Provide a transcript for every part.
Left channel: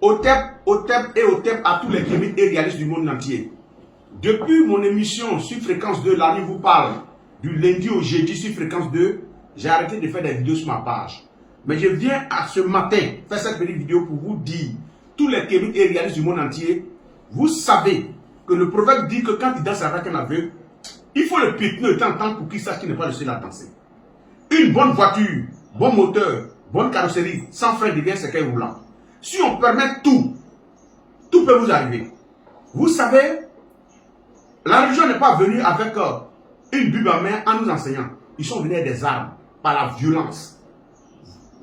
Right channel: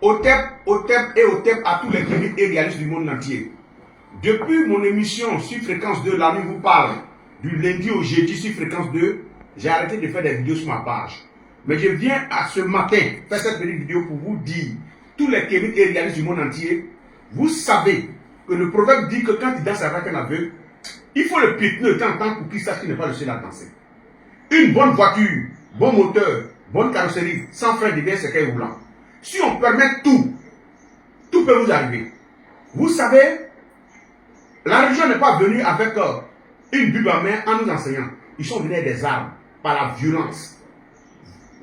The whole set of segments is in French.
OTEP et OTEP à tous les cliniques et réalistes du monde entier. Depuis mon émission sur Fréquence 2, l'ami vous parle, du lundi au jeudi sur Fréquence 2, j'ai arrêté de faire des vidéos sur ma page. Mais je viens à ce matin faire cette petite vidéo pour vous dire, tous les cliniques et réalistes du monde entier, vous savez que le proverbe dit que quand il danse avec un aveugle, il faut le piétiner de temps en temps pour qu'il sache qu'il n'est pas le seul à danser. Une bonne voiture, bon moteur, bonne carrosserie, sans frein derrière cercueil roulant. Si on permet tout, tout peut vous arriver. Vous savez, la religion n'est pas venue avec une Bible en main en nous enseignant. Ils sont venus avec des armes, par la violence.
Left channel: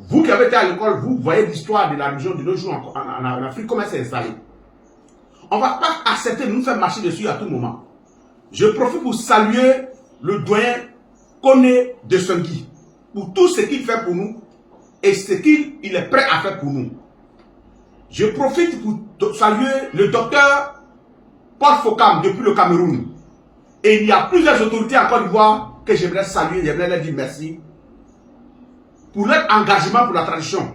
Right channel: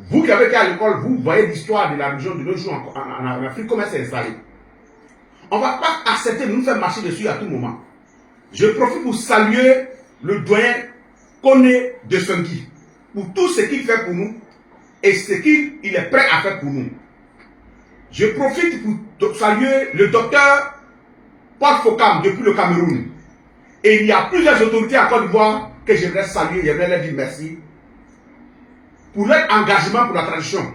Vous qui avez été à l'école, vous voyez l'histoire de la religion de nos jours en Afrique, comment elle s'est installée. On ne va pas accepter de nous faire marcher dessus à tout moment. Je profite pour saluer le doyen Koné de Songui pour tout ce qu'il fait pour nous et ce qu'il est prêt à faire pour nous. Je profite pour saluer le docteur Paul Fokam depuis le Cameroun. Et il y a plusieurs autorités en Côte d'Ivoire que j'aimerais saluer, j'aimerais leur dire merci pour leur engagement pour la tradition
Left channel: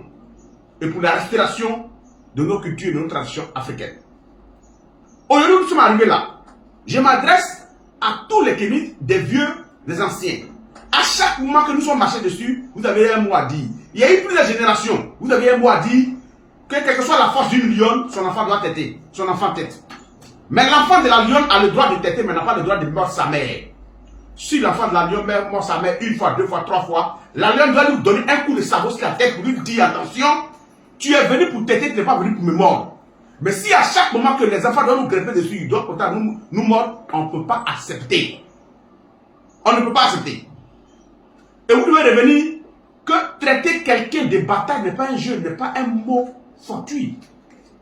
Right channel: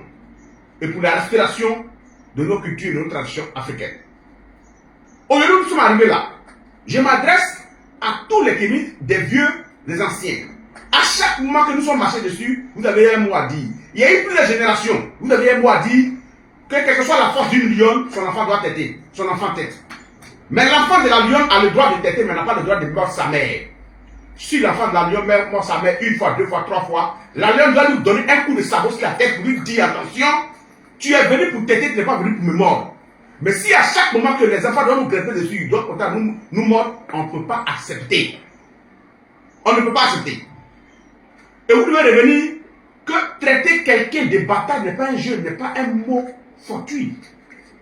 et pour la respiration de nos cultures et de nos traditions africaines. Aujourd'hui, nous sommes arrivés là. Je m'adresse à tous les kémites, des vieux, des anciens. À chaque moment que nous sommes marchés dessus, vous avez un mot à dire. Il y a eu plusieurs générations. Vous avez un mot à dire que quelle que soit la force d'une lionne, son enfant doit têter. Son enfant tête. Mais l'enfant de la lionne a le droit de têter, mais n'a pas le droit de mordre sa mère. Si l'enfant de la lionne mord sa mère une fois, deux fois, trois fois, la lionne doit lui donner un coup de sabot sur la tête pour lui dire attention, tu es venu pour têter, tu n'es pas venu pour me mordre. Mais si à chaque moment que les enfants doivent nous greffer dessus, ils doivent nous mordre, on ne peut pas accepter. On ne peut pas accepter. Et vous devez revenir que traiter quelqu'un de bâtard n'est pas un jeu, n'est pas un mot fortuit.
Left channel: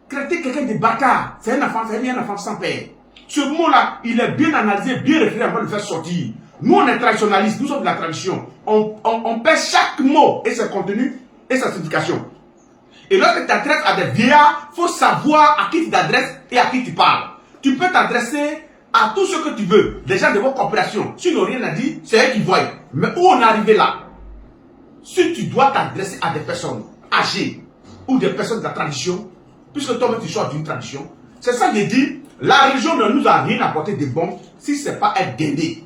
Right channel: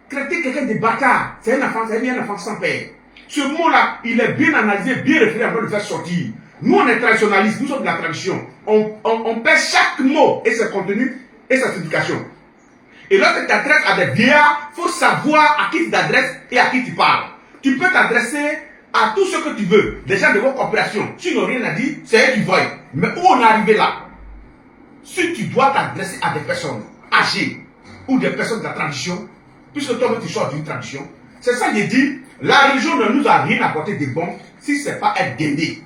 Traiter quelqu'un de bâtard, c'est un enfant sans père. Ce mot-là, il est bien analysé, bien réfléchi avant de le faire sortir. Nous, on est traditionnalistes, nous sommes de la tradition. On pèse chaque mot et son contenu et sa signification. Et lorsque tu t'adresses à des vieillards, il faut savoir à qui tu t'adresses et à qui tu parles. Tu peux t'adresser à tout ce que tu veux. Des gens de vos coopérations, s'ils n'ont rien à dire, c'est eux qui voient. Mais où on est arrivé là? Si tu dois t'adresser à des personnes âgées ou des personnes de la tradition, puisque toi tu sors d'une tradition, c'est ça qu'il dit, la religion ne nous a rien apporté de bon si ce n'est pas être guidé.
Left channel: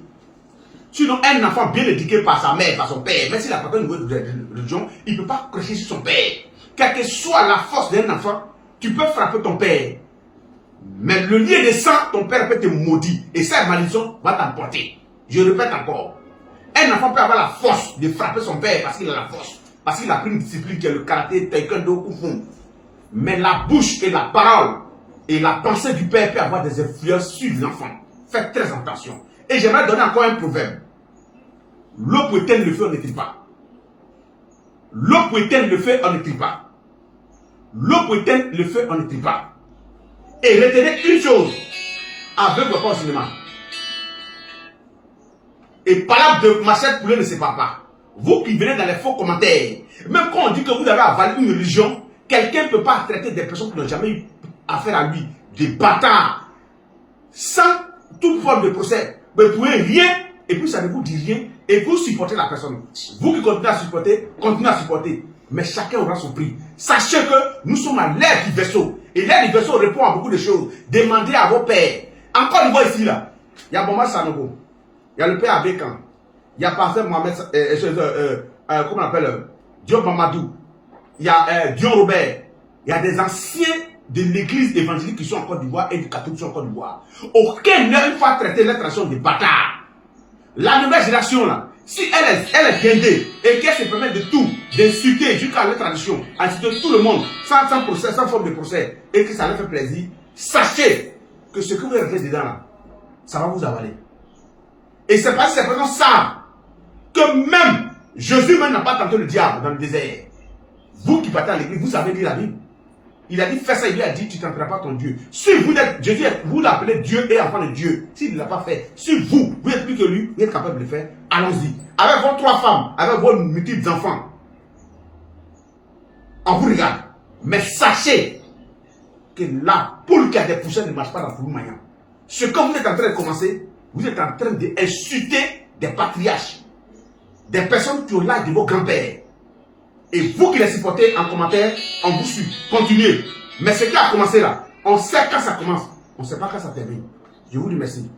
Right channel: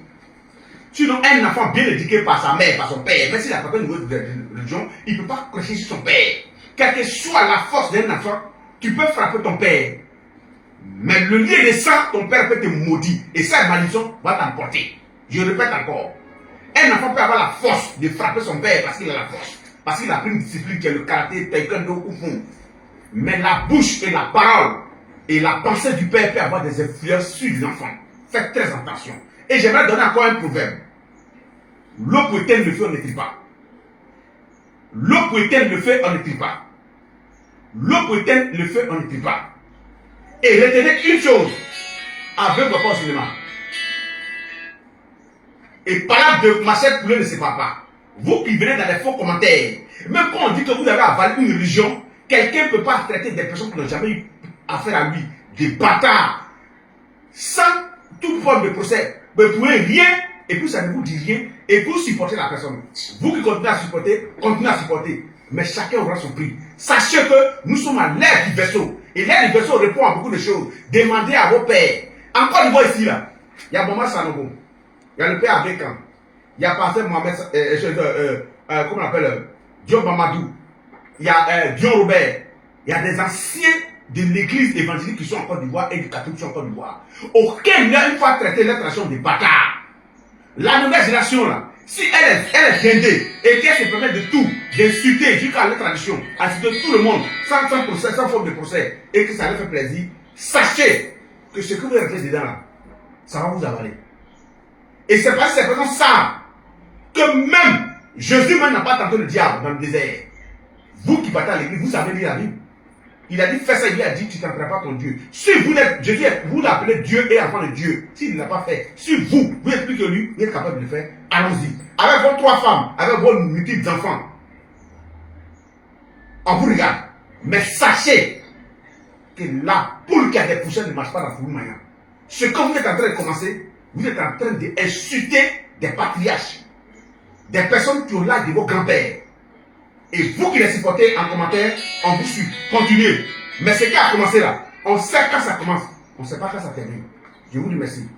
Sinon, un enfant bien éduqué par sa mère, par son père, même s'il a pas de religion, il ne peut pas cracher sur son père. Quelle que soit la force d'un enfant, tu peux frapper ton père. Mais le lien de sang, ton père peut te maudire. Et cette malédiction va t'emporter. Je répète encore. Un enfant peut avoir la force de frapper son père parce qu'il a la force. Parce qu'il a pris une discipline qui est le karaté, taekwondo ou fond. Mais la bouche et la parole et la pensée du père peut avoir des influences sur les enfants. Faites très attention. Et j'aimerais donner encore un proverbe. L'eau pour éteindre le feu, on n'écrit pas. L'eau pour éteindre le feu, on n'écrit pas. L'eau pour éteindre le feu, on n'écrit pas. Et retenez une chose. Aveugle pas au cinéma. Et parole de Machette Poulet ne sépare pas. Vous qui venez dans les faux commentaires, même quand on dit que vous avez avalé une religion, quelqu'un ne peut pas traiter des personnes qui n'ont jamais eu affaire à lui, des bâtards, sans toute forme de procès. Mais vous pouvez rien, et puis ça ne vous dit rien, et vous supportez la personne. Vous qui continuez à supporter, continuez à supporter. Mais chacun aura son prix. Sachez que nous sommes à l'ère du vaisseau. Et l'ère du vaisseau répond à beaucoup de choses. Demandez à vos pères. Encore une fois ici, là, il y a Mohamed Sanogo. Il y a le père Abékan. Il y a pasteur Mohamed, comment on appelle, Dion Mamadou. Il y a Dion Robert. Il y a des anciens de l'église évangélique qui sont en Côte d'Ivoire et du catholique qui sont en Côte d'Ivoire. Aucun n'a une fois traité leur tradition de bâtard. La nouvelle génération, là, si elle est guindée et qu'elle se permet de tout, d'insulter jusqu'à la tradition, insulter tout le monde, sans procès, sans forme de procès, et que ça leur fait plaisir, sachez que ce que vous rentrez dedans là, ça va vous avaler. Et c'est parce que ces personnes savent que même Jésus même n'a pas tenté le diable dans le désert. Vous qui partez à l'église, vous savez lire la Bible. Il a dit fais ça, il lui a dit tu ne tenteras pas ton Dieu. Si vous êtes, Jésus, vous l'appelez Dieu et enfant de Dieu, s'il ne l'a pas fait, si vous êtes plus que lui, vous êtes capable de le faire, allons-y. Avec vos 3 femmes, avec vos multiples enfants, on vous regarde. Mais sachez que la poule qui a des poussières ne marche pas dans le maillot. Ce que vous êtes en train de commencer, vous êtes en train d'insulter des patriarches, des personnes qui ont l'âge de vos grands-pères. Et vous qui les supportez en commentaire, on vous suit. Continuez. Mais ce qui a commencé là, on sait quand ça commence. On ne sait pas quand ça termine. Je vous dis merci.